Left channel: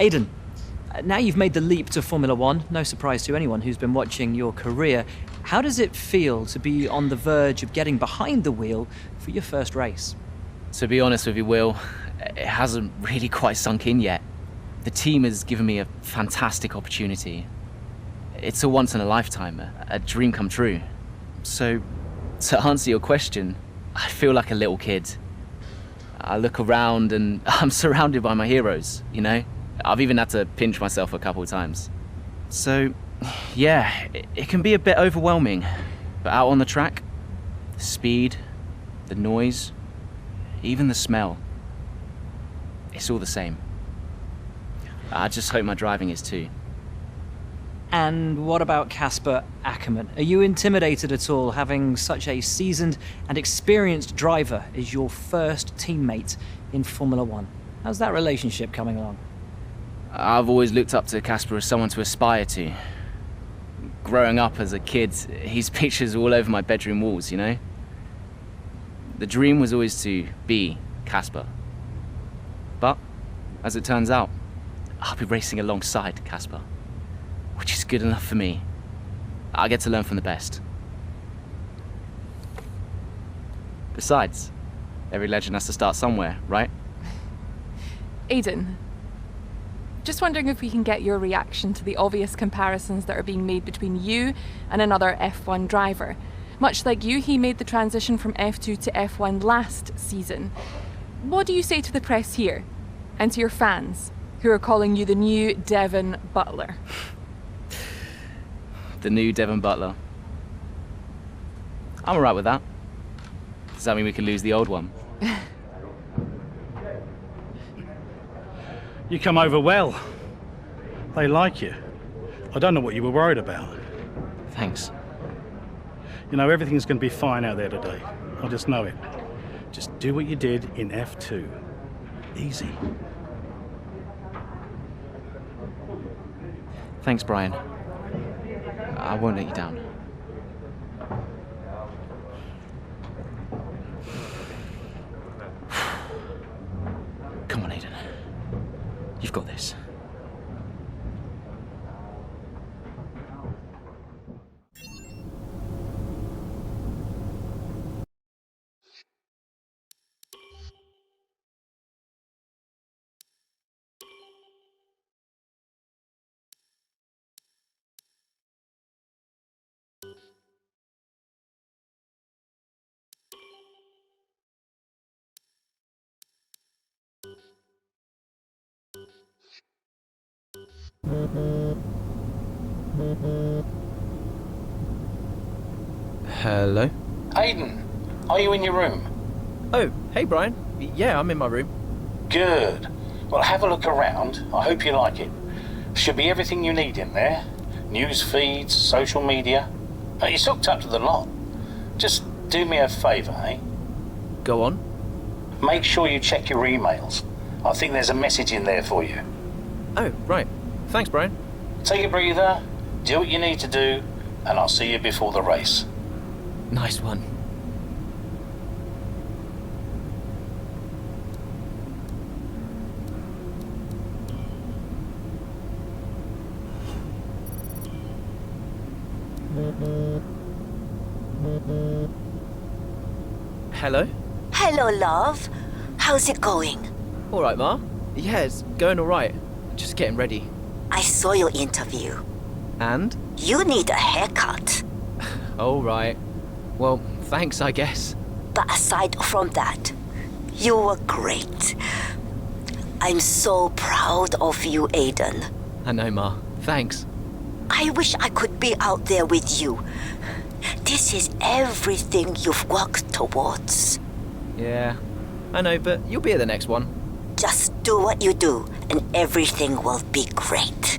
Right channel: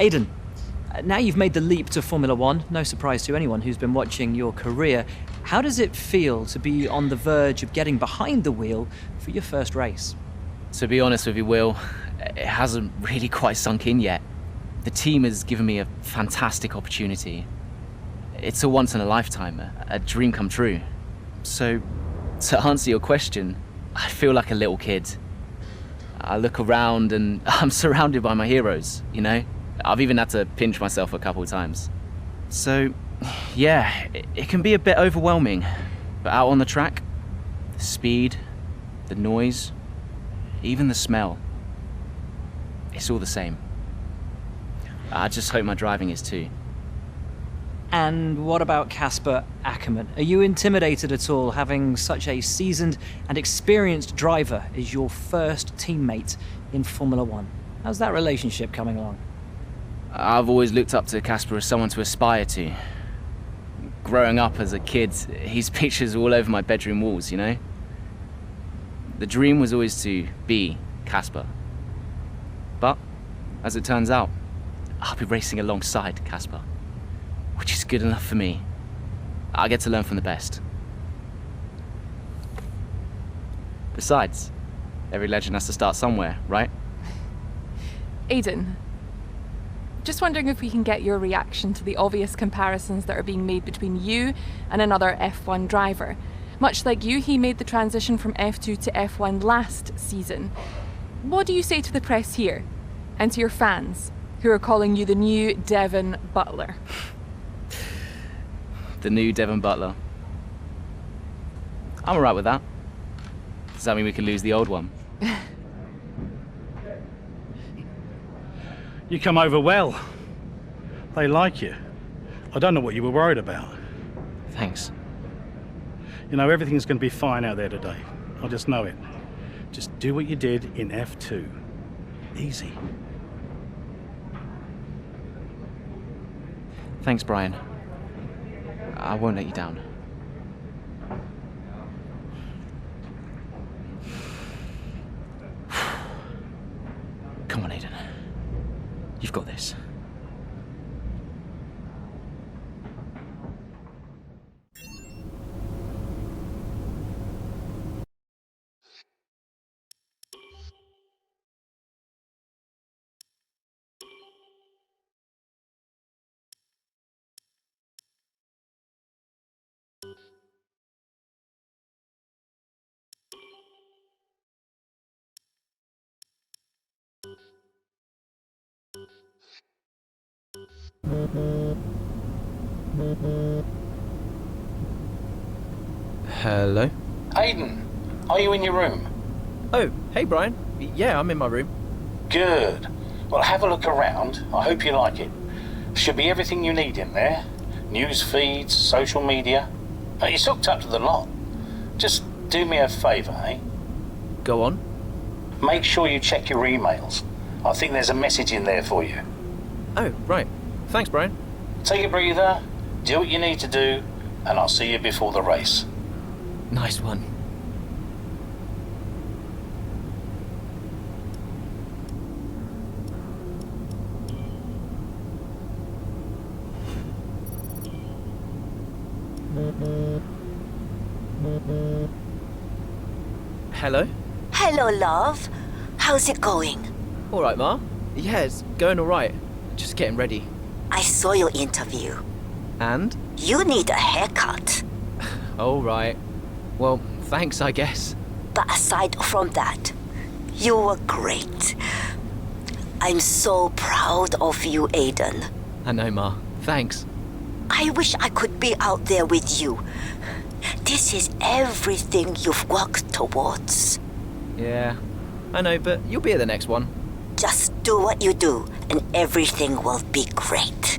Aiden, now you've made the leap to Formula One, no surprise to anyone who's been watching your career. How does it feel to be on the verge of getting behind the wheel for your first race? To be honest with you, Will, it hasn't really quite sunk in yet. The team has given me a fantastic opportunity. It's a once in a lifetime, a dream come true. So, to answer your question, I feel like a little kid. I look around and I'm surrounded by my heroes, you know? I've even had to pinch myself a couple of times. So, yeah, it can be a bit overwhelming. But out on the track, the speed, the noise, even the smell, it's all the same. I just hope my driving is too. And what about Casper Ackerman? Are you intimidated at all having such a seasoned and experienced driver as your first teammate in Formula One? How's that relationship coming along? I've always looked up to Casper as someone to aspire to. Growing up as a kid, his pictures all over my bedroom walls, you know? The dream was always to be Casper. But, as it turns out, I'll be racing alongside Casper, which is good enough for me. I get to learn from the best. Besides, every legend has to start somewhere, right? Aiden, just wondering if we can get your reaction to the obvious comparisons that are being made between you and another F1 driver. Much like you, he made the transition from F2 to F1 last season. What do you say to the press here, and to your fans, who are calling you the new Devon Butler? The new Devon Butler. I'm alright with that. Does that mean we can lose the old one? You come over well. They like you. I don't know what you were worried about. Thanks. You know, everything's going to be fine out there today. I just know it. Just do what you did in F2. Easy. Thanks, Brian. I won't let you down. Come on, Aiden. You've got this. Hello? Aiden, are you in your room? Oh, hey Brian. Yeah, I'm in my room. Good. Well, have a look around. I hope you like it. Should be everything you need in there. News feeds, social media. You're hooked up to the lot. Just do me a favour, eh? Go on. Make sure you check your emails. I think there's a message in there for you. Oh, right. Thanks, Brian. Take a breather, do what you need to do, and I'll see you before the race. Nice one. Hello? Hello, love. How's it going? All right, Ma. Yeah, it's going all right. Just getting ready. I saw your interview. And? You need a haircut. All right. Well, thanks, I guess. But aside from that, you were great. I'm so proud of you, Aiden. I know, Ma. Thanks. I wish I could be out there with you. This is everything you've worked towards. Yeah, I know, but you'll be at the next one. Just do what you do, and everything will be great.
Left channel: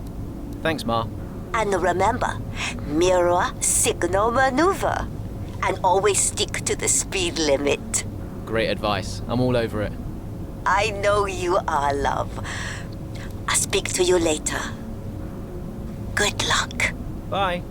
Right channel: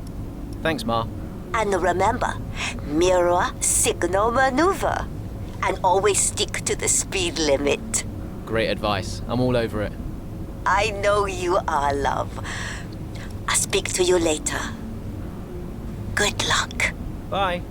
Thanks, Ma. And remember, mirror signal maneuver. And always stick to the speed limit. Great advice. I'm all over it. I know you are, love. I'll speak to you later. Good luck. Bye.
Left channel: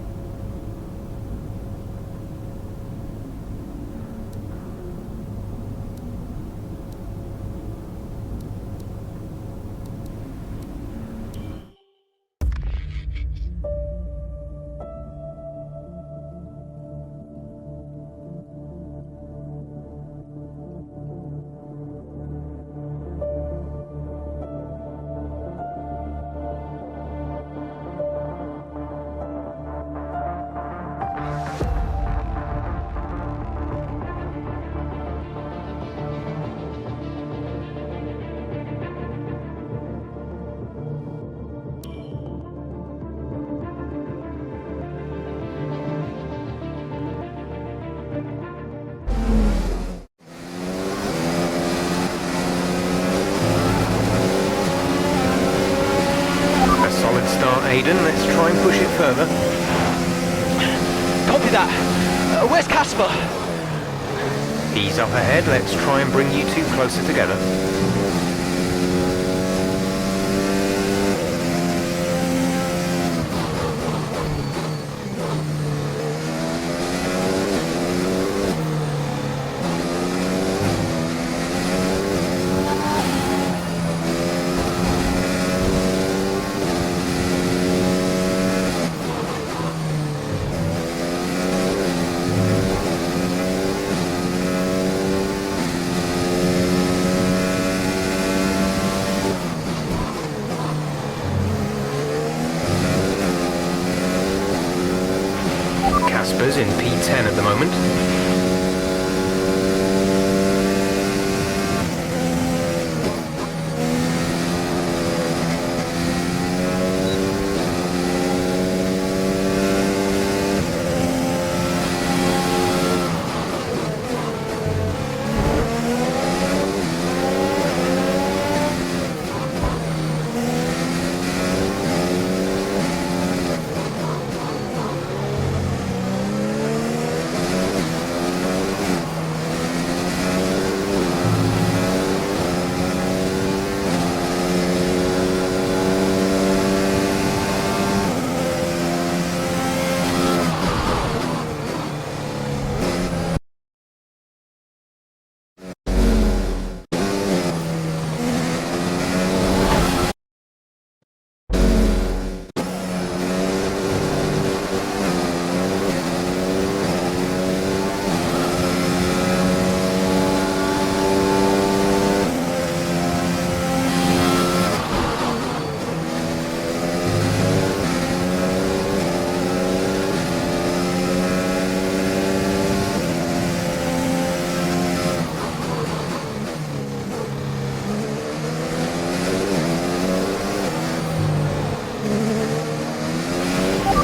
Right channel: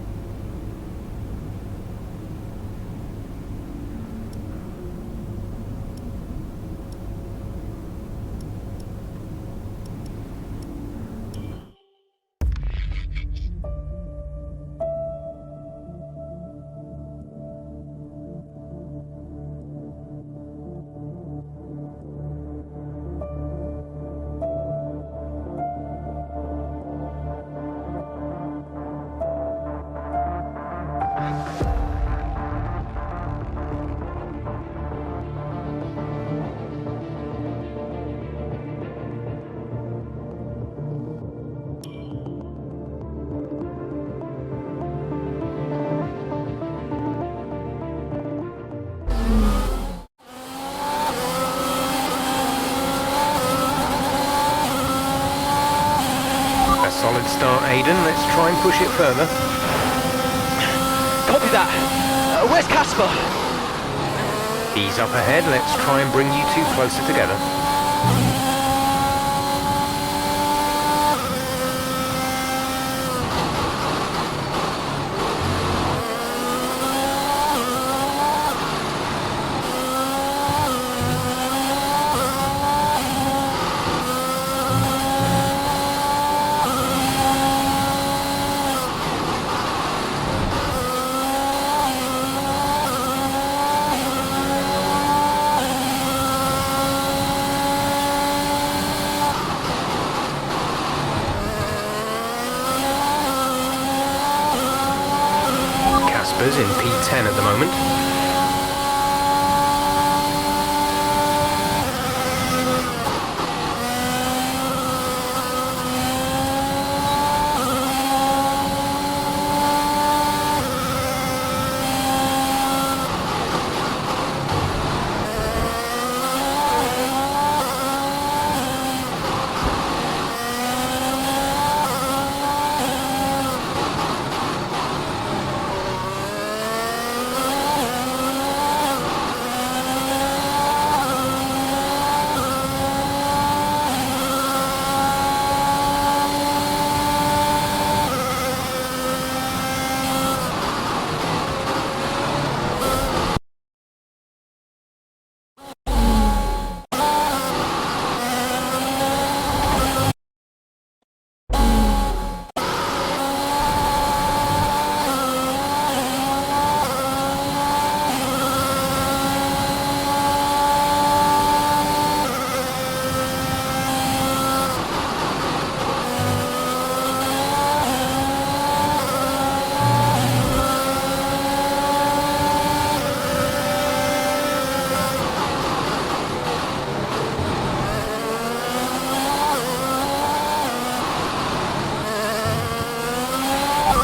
start, Aiden. Let's try and push it further. Copy that. Where's Casper? He's up ahead. Let's try and bring you two closer together. Casper's in P10 at the moment.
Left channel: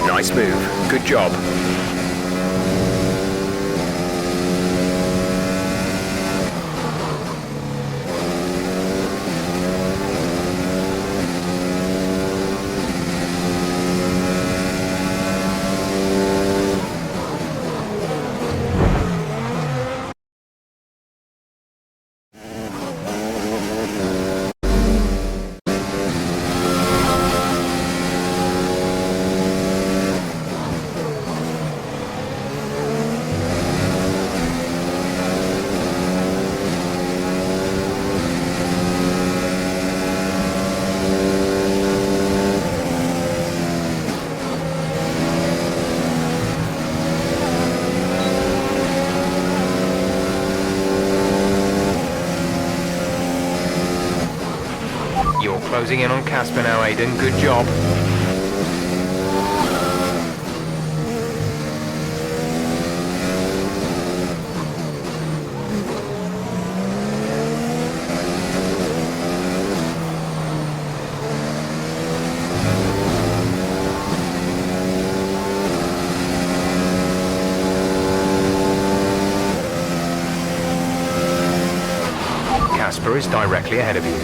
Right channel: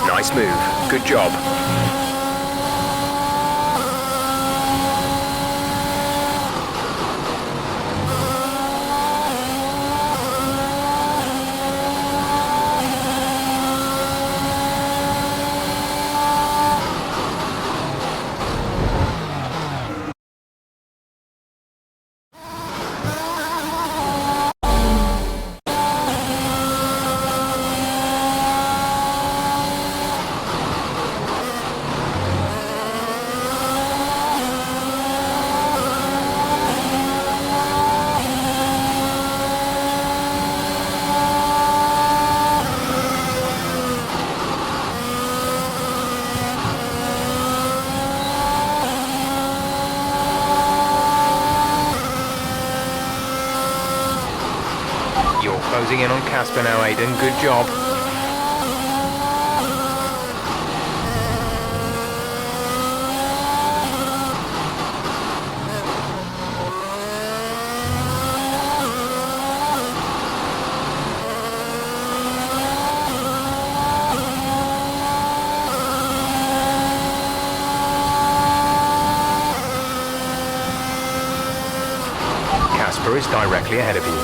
Nice move. Good job. You're closing in on Casper now, Aiden. Good job. Casper is directly ahead of you.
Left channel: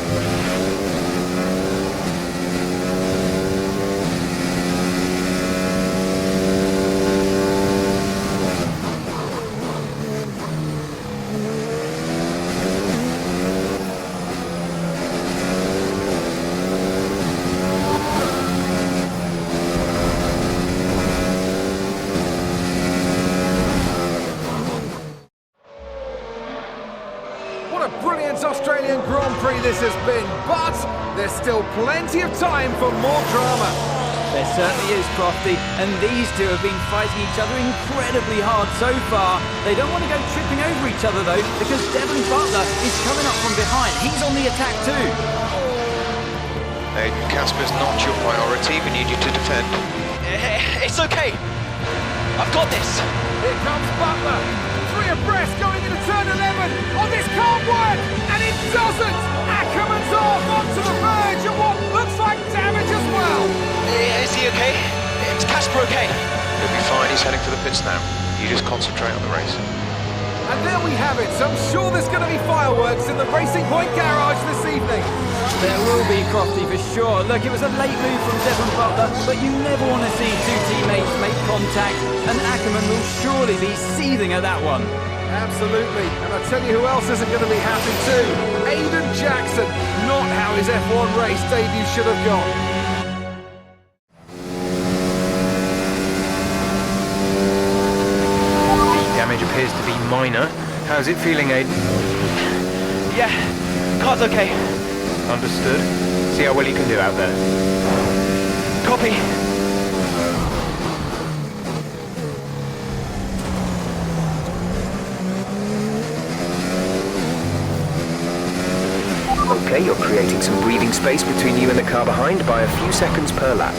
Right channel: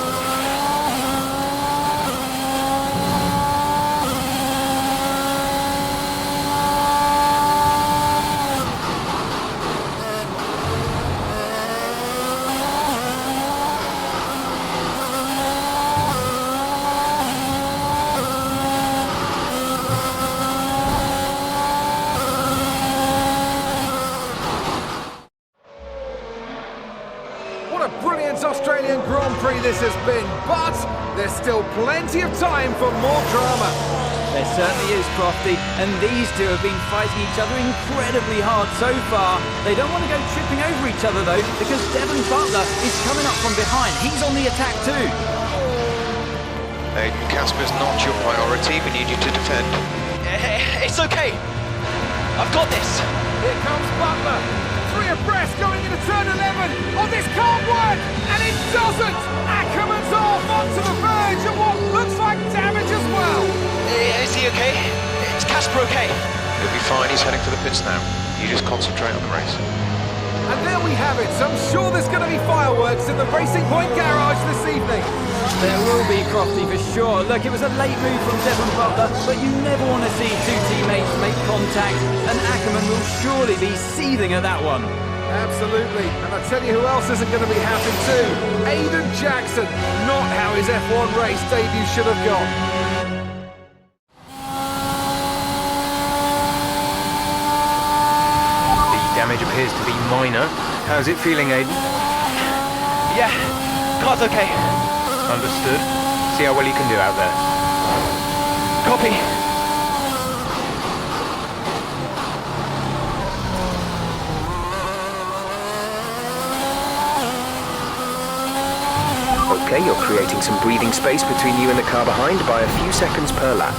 What a brilliant Australian Grand Prix this has been, but there's still plenty of time for more drama. There certainly is, Crofty, and these two have been fighting each other incredibly hard so far. They don't want to go tripping over each other, though, because Devon Butler is coming up from behind. He's on the attack, too. Aiden, Casper's not your priority. We need you to defend. It's okay. I've got this. Here comes Butler. 3 abreast going into turn 11. Oh, this can't work! And it doesn't! Ackerman's off onto the verge of what looks like damage as well. Is he okay? Is Casper okay? He'll be fine. He's heading for the pits now. You just concentrate on the race. And there we have it. So I'm sure there's going to be fireworks in the Racing Point garage this evening. There will be, Crofty, for sure. Look, it was a late move from Devon Butler, but you never want to see two teammates make contact, and Ackerman will surely be seething at that one. Absolutely. And I tell you who else isn't going to be happy too. Aiden Jackson. Not how his F1 race debut should have gone. The damage appears to be minor. How's it feeling, Aiden? Yeah, car's okay. Understood. See how well you can do out there. Copy. Okay, you're creating some breathing space between you and the car behind by a few seconds per lap.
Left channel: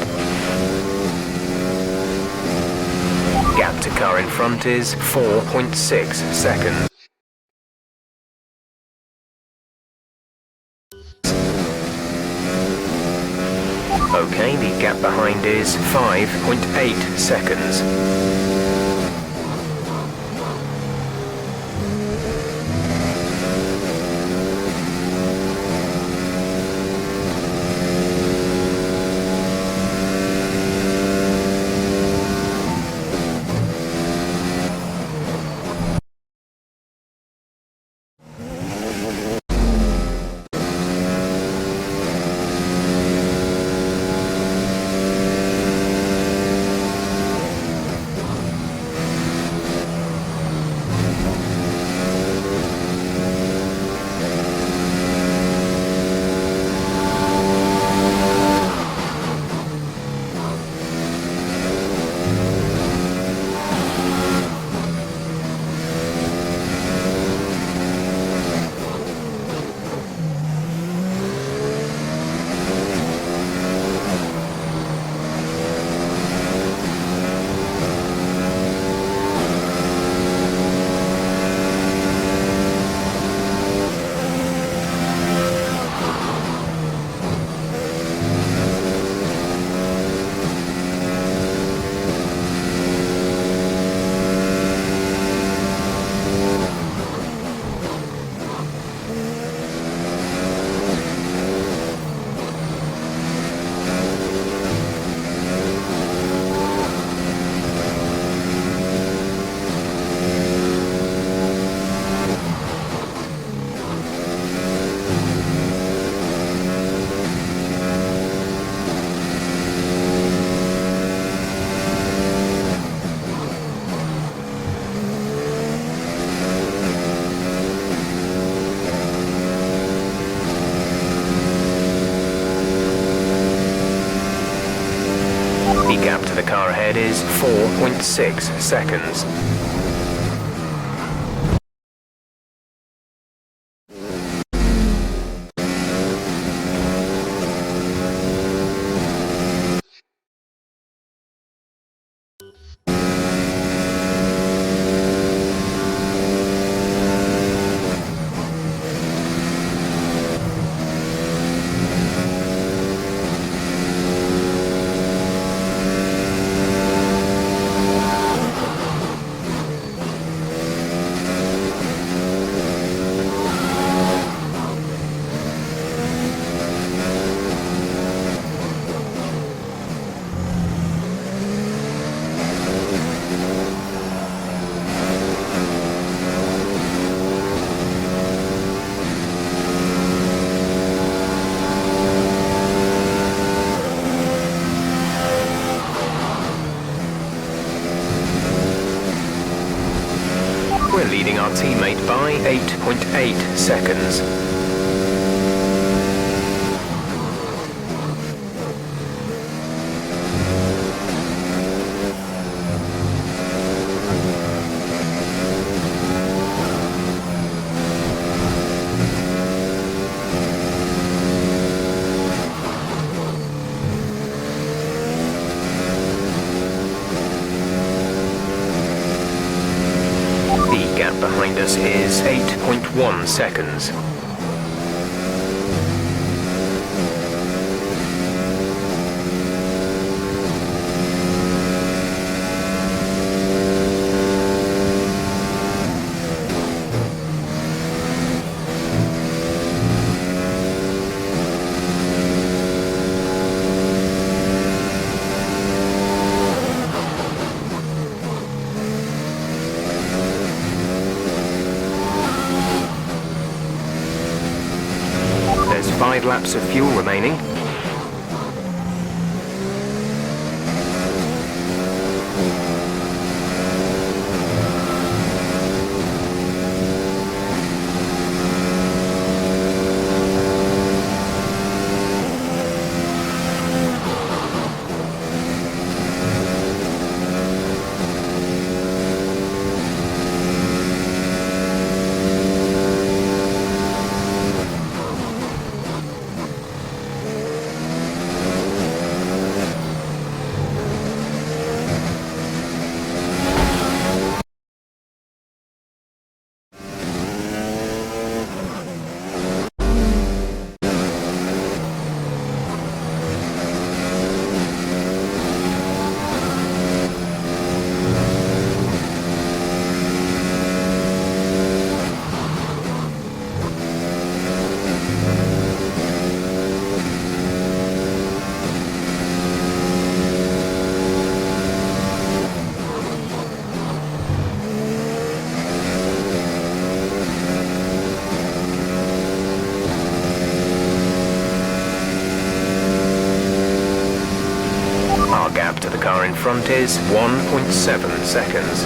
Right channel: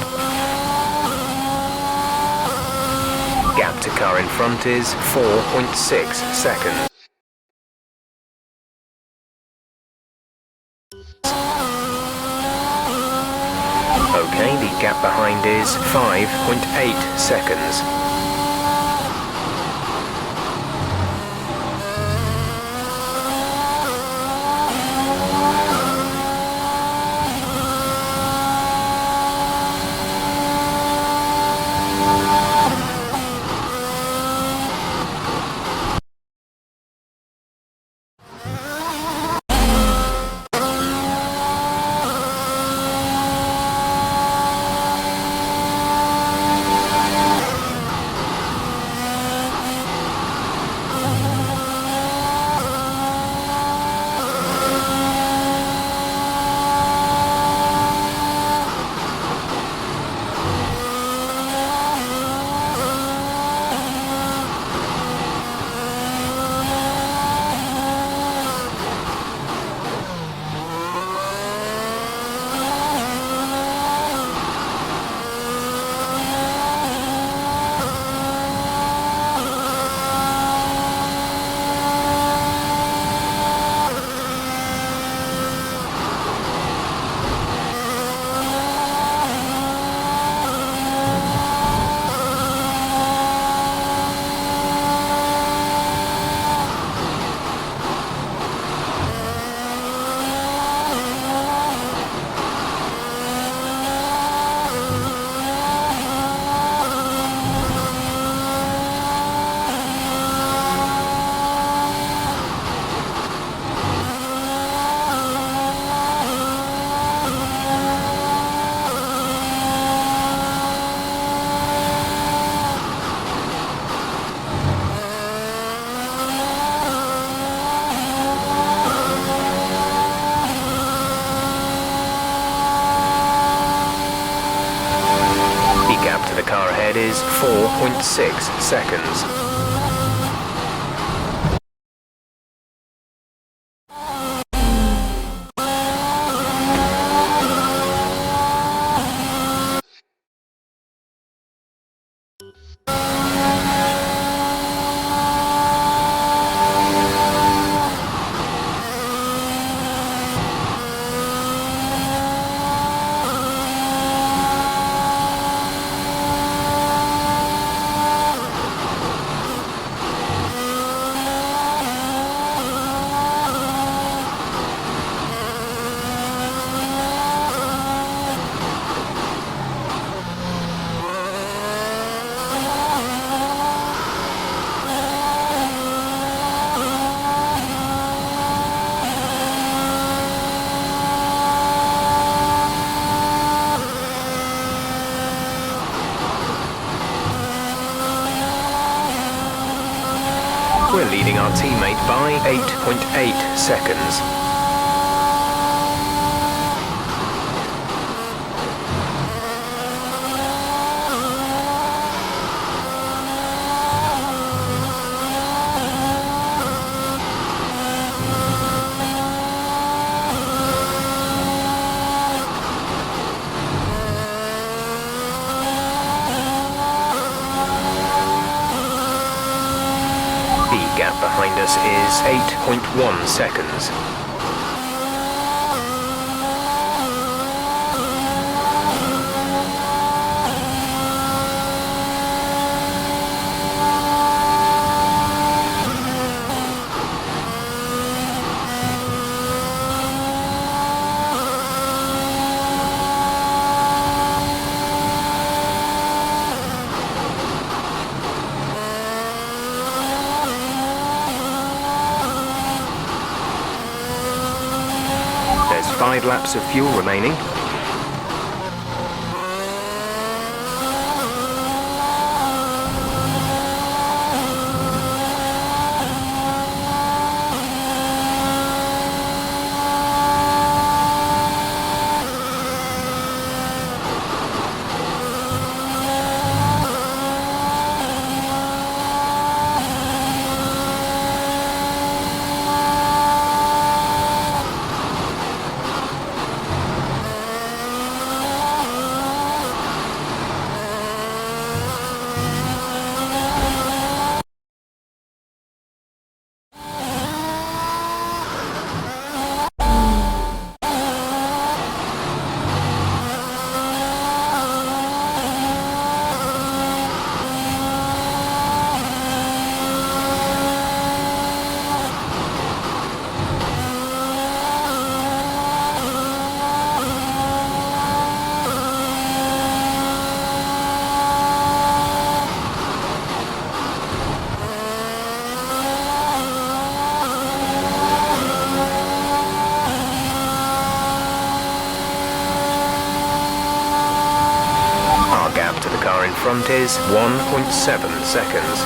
Gap to car in front is 4.6 seconds. Okay, the gap behind is 5.8 seconds. The gap to the car ahead is 4.6 seconds. We're leading our teammate by 8.8 seconds. The gap behind us is 8.1 seconds. 5 laps of fuel remaining. Our gap to the car in front is 1.7 seconds.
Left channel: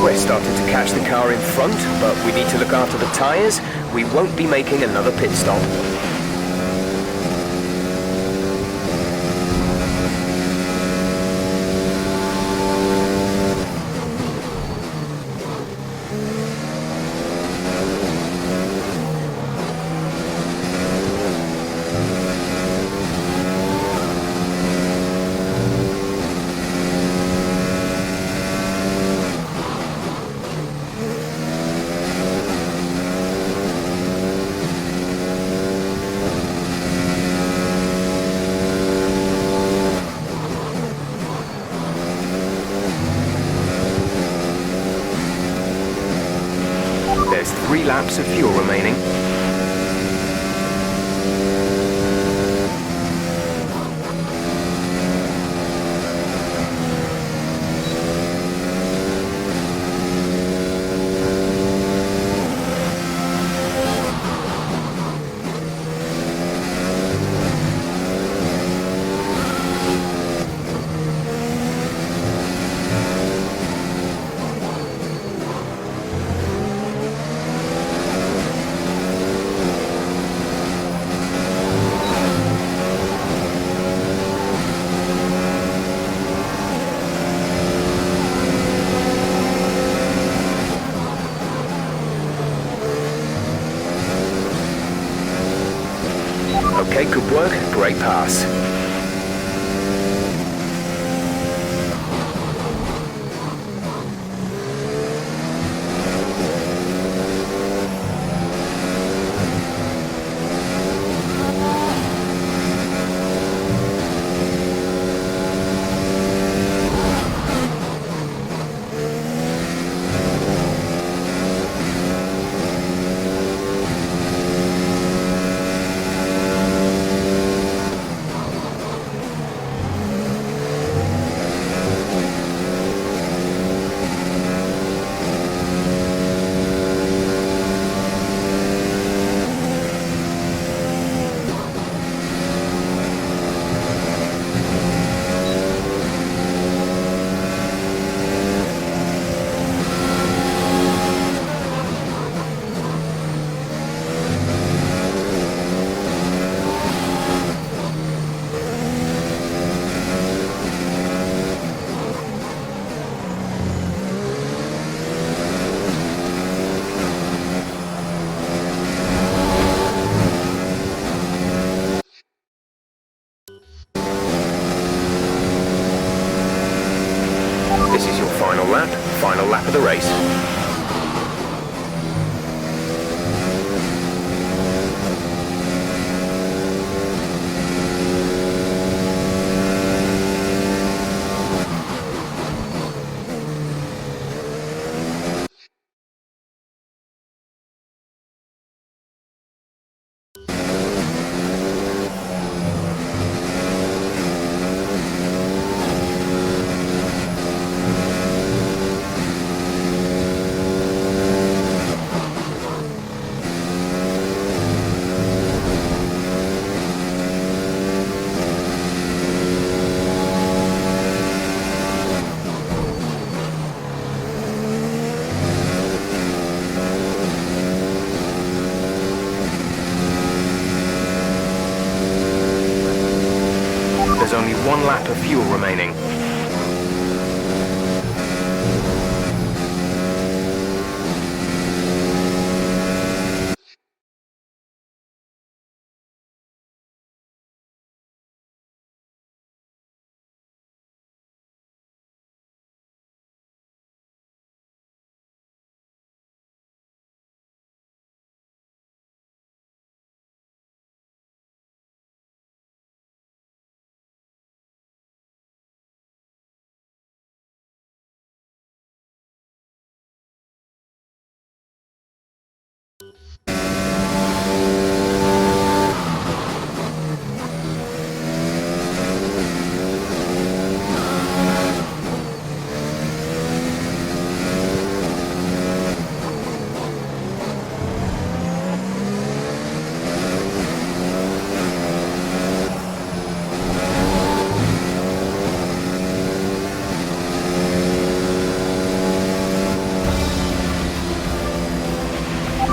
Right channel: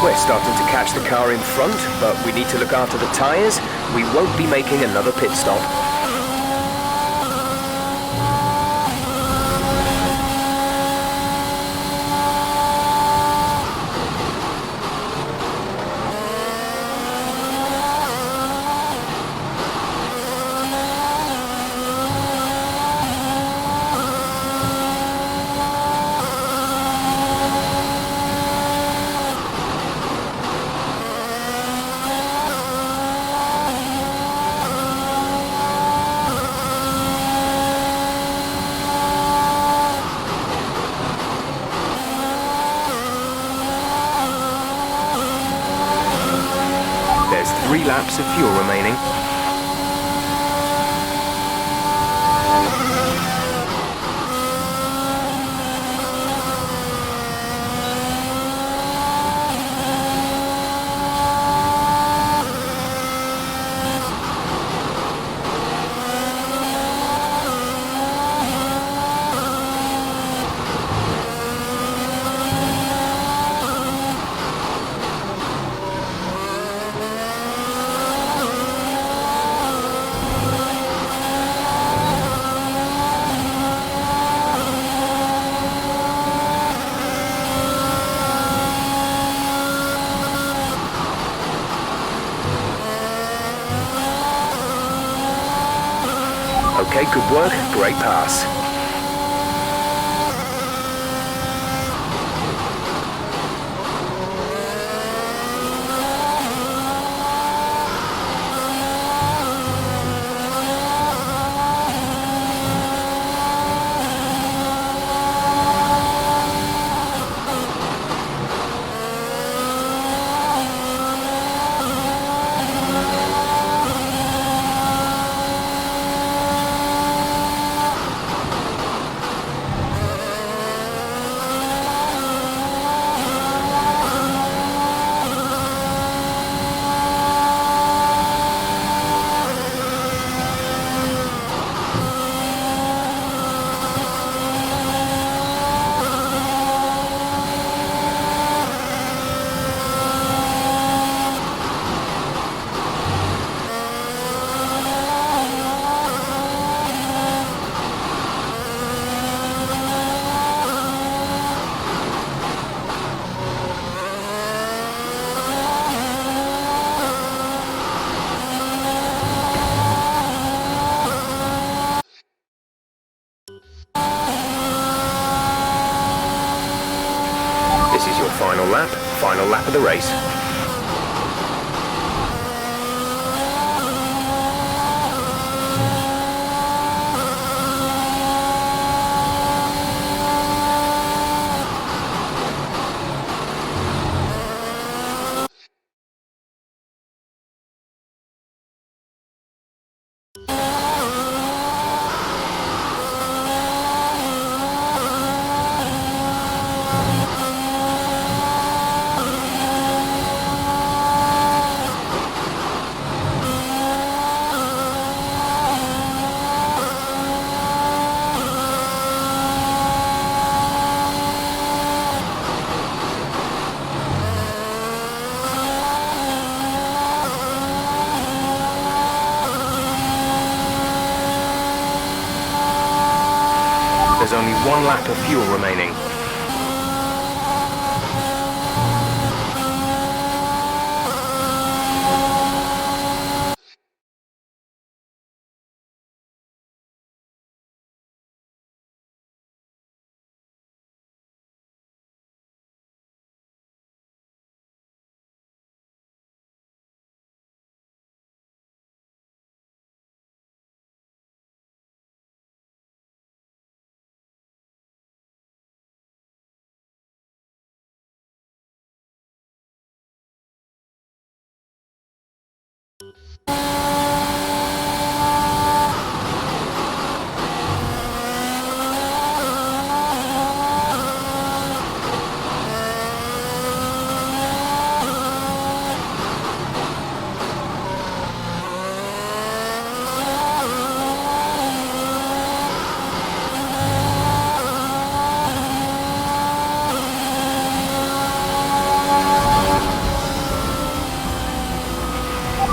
We're starting to catch the car in front, but we need to look after the tyres. We won't be making another pit stop. There's 3 laps of fuel remaining. Okay, good work. Great pass. This is your final lap of the race. There's only one lap of fuel remaining.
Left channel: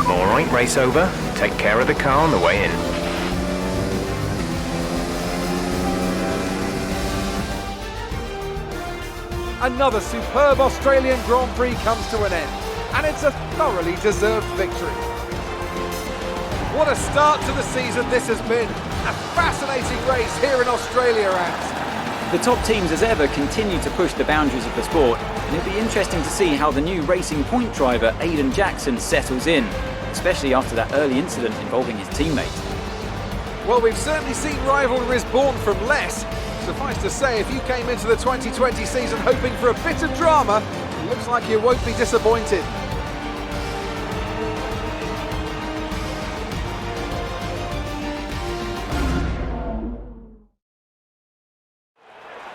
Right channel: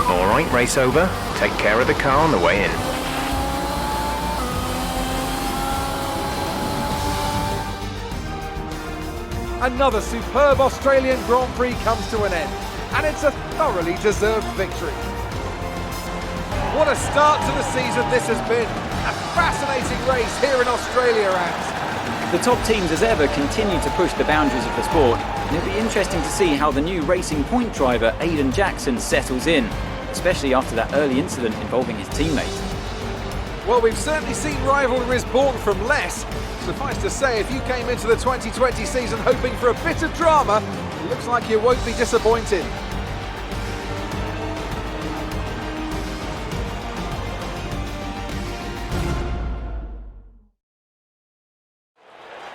Alright, race over. Take care of the car on the way in. Another superb Australian Grand Prix comes to an end, and it's a thoroughly deserved victory. What a start to the season this has been. A fascinating race here in Australia, Ant. The top teams as ever continue to push the boundaries of the sport, and it'll be interesting to see how the new Racing Point driver Aiden Jackson settles in, especially after that early incident involving his teammate. Well, we've certainly seen rivalries born from less. Suffice to say, if you came into the 2020 season hoping for a bit of drama, it looks like you won't be disappointed.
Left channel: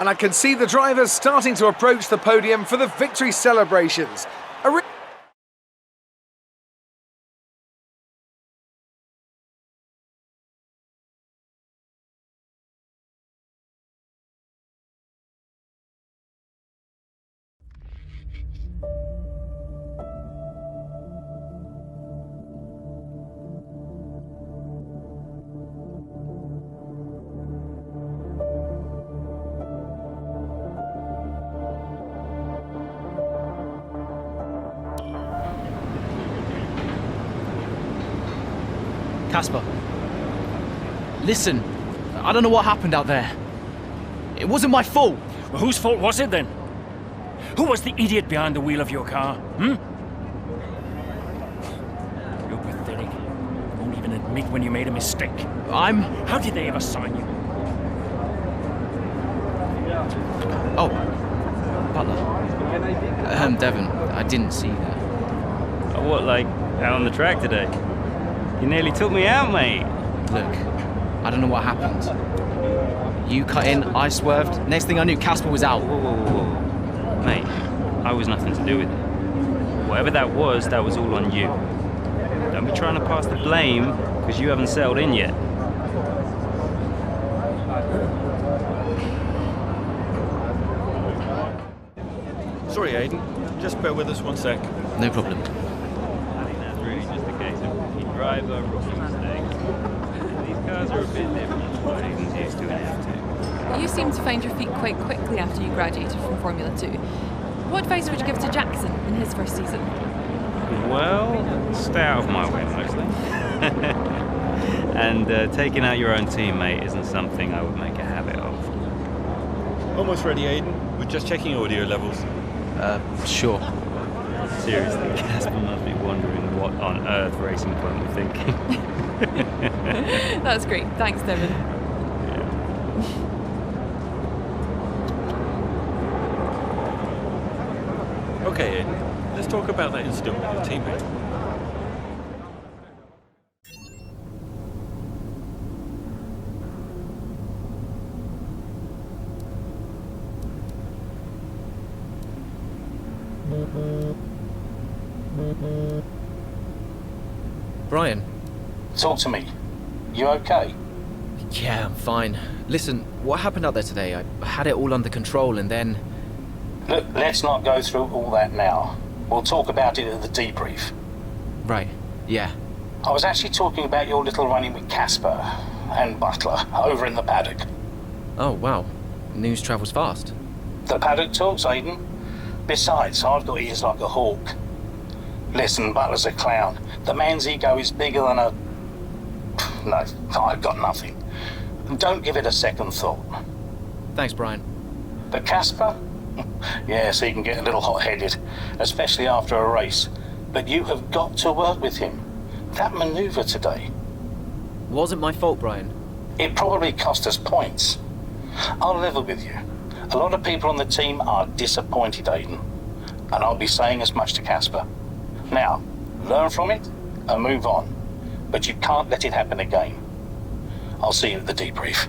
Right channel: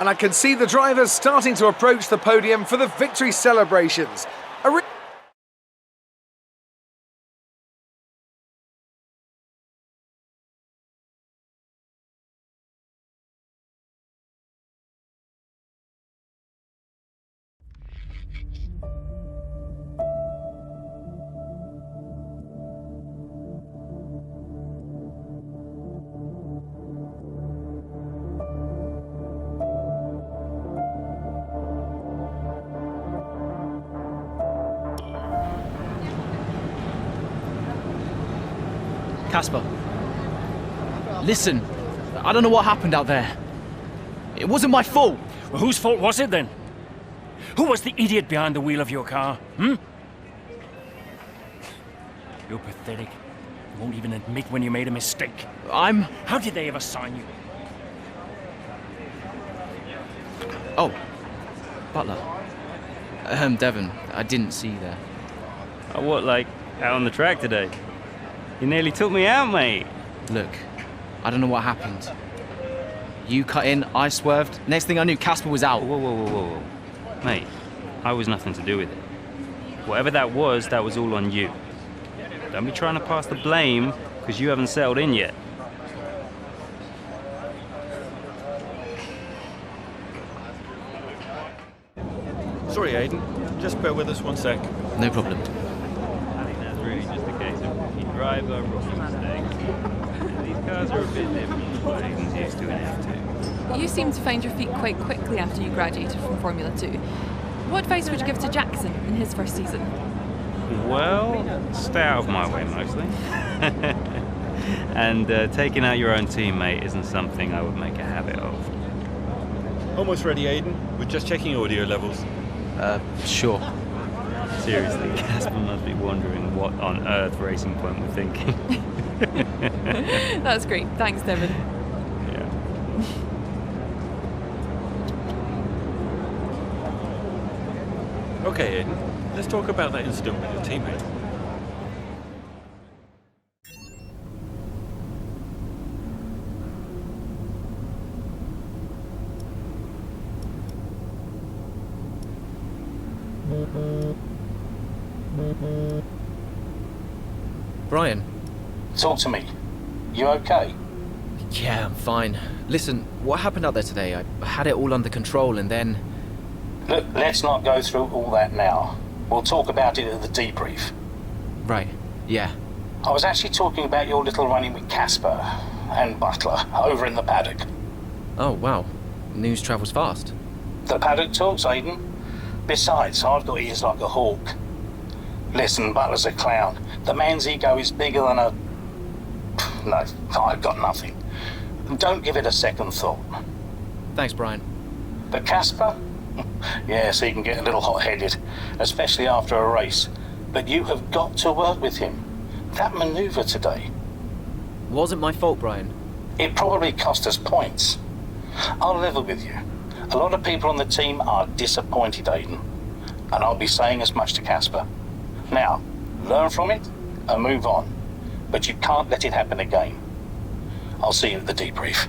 And I can see the drivers starting to approach the podium for the victory celebrations. Casper, listen, I don't know what happened out there. It wasn't my fault. Well, whose fault was it then? Who was the idiot behind the wheel of your car, You're pathetic. You won't even admit when you made a mistake. How did they ever sign you? Oh, Butler. Devon, I didn't see that. Oh, what, like, out on the track today? You nearly took me out, mate. Look, I don't know what happened. You cut in, I swerved. Next thing I knew, Casper was out. Whoa. Mate, I was nothing to do with it. Whatever that was all on you. Don't be trying to pass the blame, because you haven't settled in yet. Sorry, Aiden. Just bear with us one sec. No problem. I think that's really just a case of rookie driver, rookie mistakes. These cars are a bit different from what Aiden's used to in F2. You seem to find your feet quite quickly after you graduated from Formula 2. What advice would you give to Jackson in his first season? Well, stay out of my way mostly. And taking out your own teammate isn't something I would make a habit of. Almost ready, Aiden. We're just checking audio levels. Sure. Seriously, Casper must be wondering what on earth Racing Point were thinking. That's great. Thanks, Devon. Yeah. Okay, Aiden. Let's talk about that incident with your teammate. Brian. Talk to me. You okay? Yeah, I'm fine. Listen, what happened out there today? I had it all under control and then... Look, let's not go through all that now. We'll talk about it at the debrief. Right, yeah. I was actually talking about your little running with Casper and Butler over in the paddock. Oh, wow. News travels fast. The paddock talks, Aiden. Besides, I've got ears like a hawk. Listen, Butler's a clown. The man's ego is bigger than a... No, I've got nothing. Don't give it a second thought. Thanks, Brian. But Casper? Yes, he can get a little hot-headed, especially after a race. But you have got to work with him. That manoeuvre today... Wasn't my fault, Brian. It probably cost us points. I'll level with you. A lot of people on the team are disappointed, Aiden. And I'll be saying as much to Casper. Now, learn from it and move on. But you can't let it happen again. I'll see you at the debrief.